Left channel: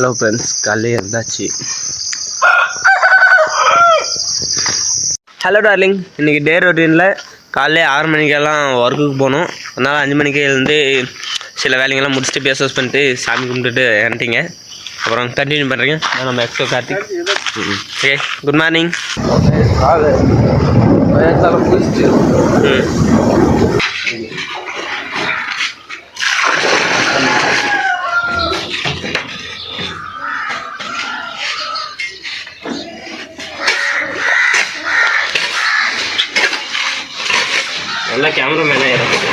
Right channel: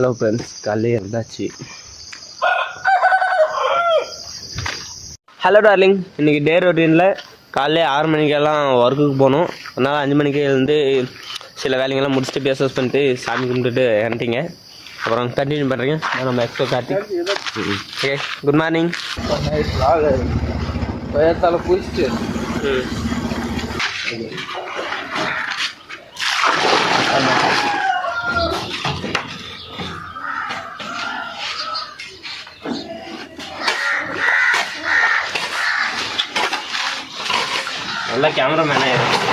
Hello friends, காலையில் இருந்தாச்சு. Hello darling, இன்றைக்கி டே ரொட்டீனில் காலையில் 6 மணிக்கெல்லாம் ஒர்க்குக்கு போகணும். அதனால் 5 மணிக்கே எழுந்து சில வேலைங்கள்லாம் முடிச்சுட்டு பேஸ் வாஷ் பண்ணிட்டு சாமி கும்பிட்டுட்டு இறண்டிங்க. அப்புறம் கண்டினியூ பண்ணுறீங்க. நம்ம Exo Karthik. Okay, good morning. காலை குளிச்சுட்டு நல்லா கேமராமேனே இருக்கும்.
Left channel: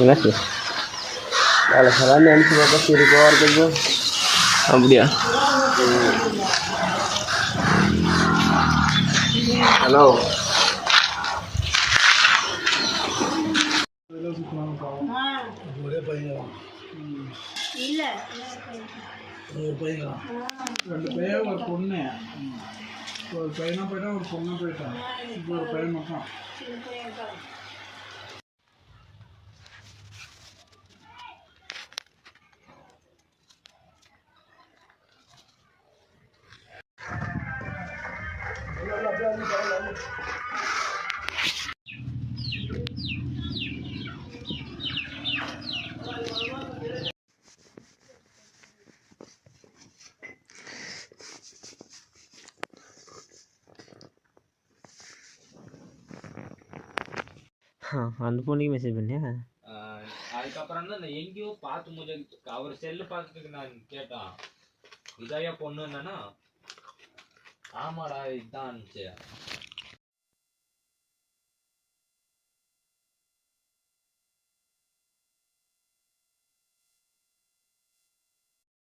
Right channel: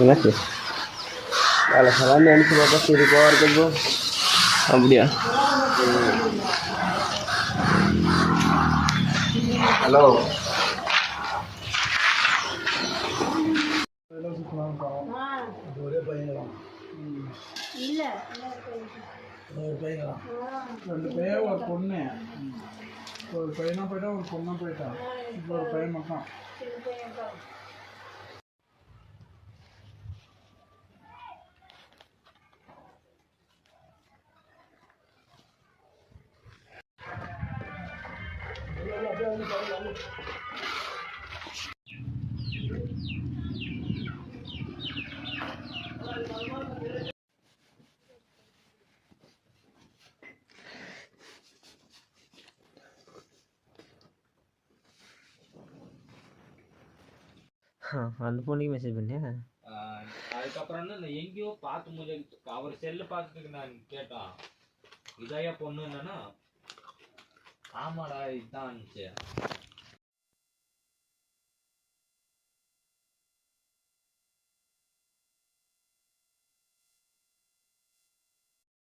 என்னாச்சு? வேலை சலான்னு நினச்சி பார்த்தா சரி போகிறதுக்கு. அப்படியா? ஹலோ, ஒரே பையன் இல்லை, ஒரு பையன், 2 பையன், ஒரு பொண்ணு. ஒரு பையனா போயிட்டா, ஒரு பொண்ணா போயிட்டான். இப்போ ஒரு பையன் மட்டும். அந்த பொண்ணுக்கு மெசேஜ் பண்ணியா? அதுக்கப்புறம் தான் எங்கேயோ பார்த்து முடிஞ்ச அவர் செல்லு பார்த்துட்டு நான் கேட்டான், இதாயா பொண்ணு என்னன்னா, ஆமாடா இதுதான் இருந்துச்சு.